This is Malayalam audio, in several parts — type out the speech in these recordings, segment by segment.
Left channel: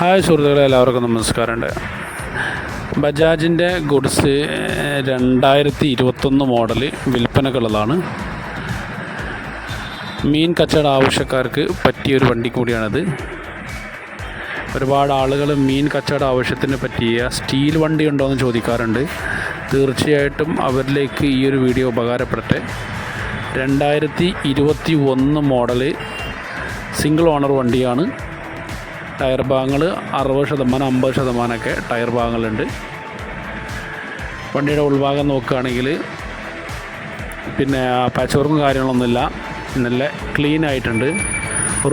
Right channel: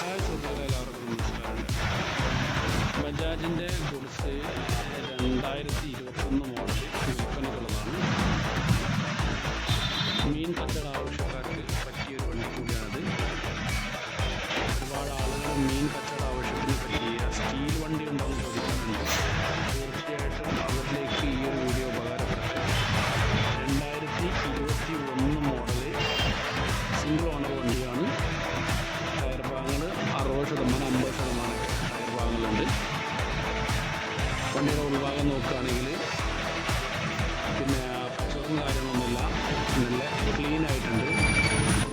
ഹായ് സുഹൃത്തുക്കളെ എല്ലാവർക്കും നമസ്കാരമുണ്ട്. ബജാജിന്റെ ഗുഡ്സ് രണ്ടായിരത്തി ഇരുപത്തൊന്ന് മോഡൽ വിൽപ്പനക്കുള്ളതാണ്. മീൻ കച്ചവട ആവശ്യക്കാർക്ക് പറ്റിയൊരു വണ്ടി കൂടിയാണിത്. ഒരുപാട് ആളുകൾ മീൻ കച്ചവട ആവശ്യത്തിന് പറ്റിയ സ്റ്റീൽ വണ്ടി ഉണ്ടോ എന്ന് ചോദിക്കാറുണ്ട്. തീർച്ചയായിട്ടും അവരിലേക്ക് ഈ ഒരു വീഡിയോ ഉപകാരപ്പെടട്ടെ. രണ്ടായിരത്തി ഇരുപത്തി ഒന്ന് മോഡൽ സിംഗിൾ ഓണർ വണ്ടിയാണ്. ടയർ ഭാഗങ്ങൾ അറുപത് ശതമാനം അമ്പത് ശതമാനമൊക്കെ ടയർ ഭാഗങ്ങളുണ്ട്. വണ്ടിയുടെ ഉൾഭാഗം നോക്കുകയാണെങ്കിൽ പിന്നെ പാച്ച് വർക്കും കാര്യങ്ങളൊന്നുമില്ല. നല്ല ക്ലീൻ ആയിട്ടുണ്ട്.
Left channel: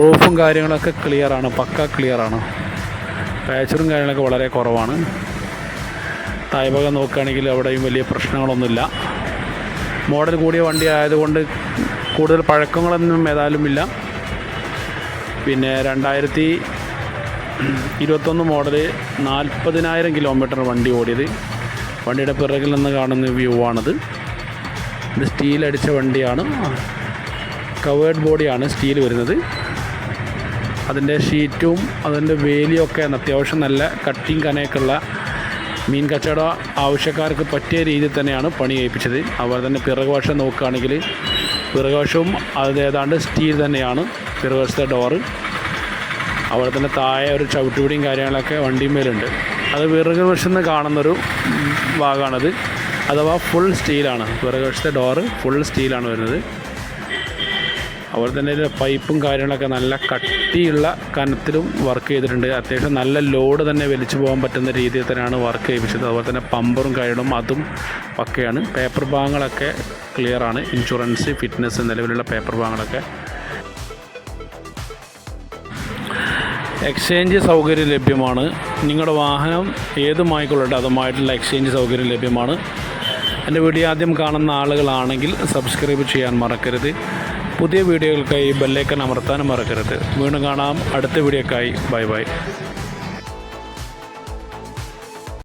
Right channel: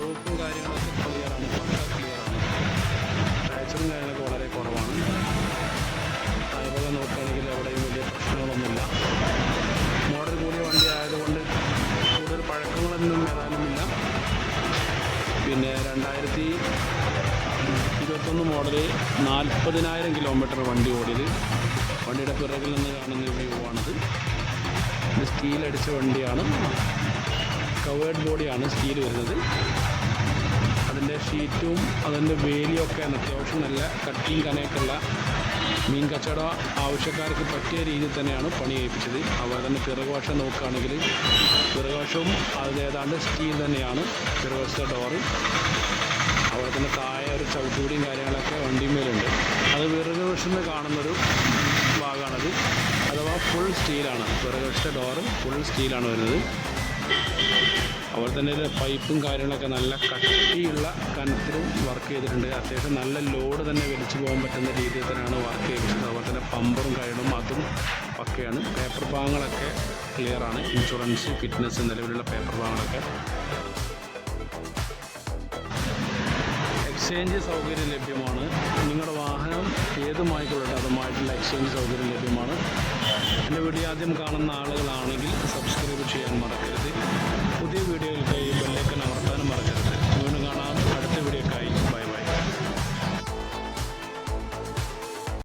റൂഫും കാര്യങ്ങളൊക്കെ ക്ലിയറാണ് പക്ക ക്ലിയറാണ് പാച്ചറും കാര്യങ്ങളൊക്കെ വളരെ കുറവാണ്. തായ്ഭാഗം നോക്കുകയാണെങ്കിൽ അവിടെയും വലിയ പ്രശ്നങ്ങളൊന്നുമില്ല. മോഡൽ കൂടിയ വണ്ടി ആയതുകൊണ്ട് കൂടുതൽ പഴക്കങ്ങളൊന്നും ഏതായാലും ഇല്ല പിന്നെ രണ്ടായിരത്തി ഇരുപത്തൊന്ന് മോഡൽ നാൽപ്പതിനായിരം കിലോമീറ്റർ വണ്ടി ഓടിയത്. വണ്ടിയുടെ പിറകിൽ നിന്ന് കാണുന്ന വ്യൂ ആണത്. ഇത് സ്റ്റീൽ അടിച്ച വണ്ടിയാണ്. കവേർഡ് ബോഡിയാണ് സ്റ്റീൽ വരുന്നത്. അതിന്റെ ഷീറ്റും അതിന്റെ വേലിയും ഒക്കെ അത്യാവശ്യം നല്ല കട്ടിങ് കനയൊക്കെയുള്ള മീൻ കച്ചവട ആവശ്യക്കാർക്ക് പറ്റിയ രീതിയിൽ തന്നെയാണ് പണി ഏൽപ്പിച്ചത്. അതുപോലെ തന്നെ പിറകുവശം നോക്കുകയാണെങ്കിൽ പിറകുവശവും അത് ഏതാണ്ട് സ്റ്റീൽ തന്നെയാണ്. പിറകുവശത്തെ ഡോറ് അതുപോലെ തന്നെ താഴെ ഒരു ചവിട്ടുപിടിയും കാര്യങ്ങളൊക്കെ വണ്ടിമേലുണ്ട് അത് വിറക് വശത്ത് കാണുന്നൊരു ഭാഗമാണത്. അഥവാ ഫുൾ സ്റ്റീലാണ് വിറക് വശത്തെ ഡോറ് ഫുൾ സ്റ്റീലാണ് വരുന്നത്. അതുപോലെ തന്നെ പൈപ്പും കാര്യങ്ങളൊക്കെ നല്ല കട്ടിയുള്ള കനത്തിലും വർക്ക് ചെയ്തിട്ടുണ്ട്. അത്യാവശ്യം നല്ല ലോഡ് തന്നെ വലിച്ചു പോകാൻ പറ്റുന്ന രീതിയിൽ തന്നെയാണ് വർക്ക് ചെയ്യിപ്പിച്ചത്. അതുപോലെ തന്നെ പമ്പറും കാര്യങ്ങളും അതും പക്കയാണ് പേപ്പർ ഭാഗങ്ങളൊക്കെ ക്ലിയറാണ് ഇൻഷുറൻസ് ഫിറ്റ്നസ് നിലവിലുള്ള പേപ്പർ ഭാഗങ്ങളൊക്കെ എക്സ്ചേഞ്ച് സൗകര്യം ലഭ്യമാണ്. നിങ്ങളുടെ വാഹനം ഏതുമായിക്കൊള്ളട്ടെ അതുമായിട്ടുള്ള എക്സ്ചേഞ്ച് സൗകര്യം ലഭ്യമാണ്. എന്റെ വീഡിയോ ആദ്യം കാണുന്ന ആളുകളാണെങ്കിൽ സബ്സ്ക്രൈബ് ചെയ്യാൻ മറക്കരുത്. പുതിയ വീഡിയോകൾക്കായി ബെല്ലേക്കൻ അമർത്താനും മറക്കരുത്. വീണ്ടും കാണാം. അടുത്ത വീഡിയോക്കായി. Bye bye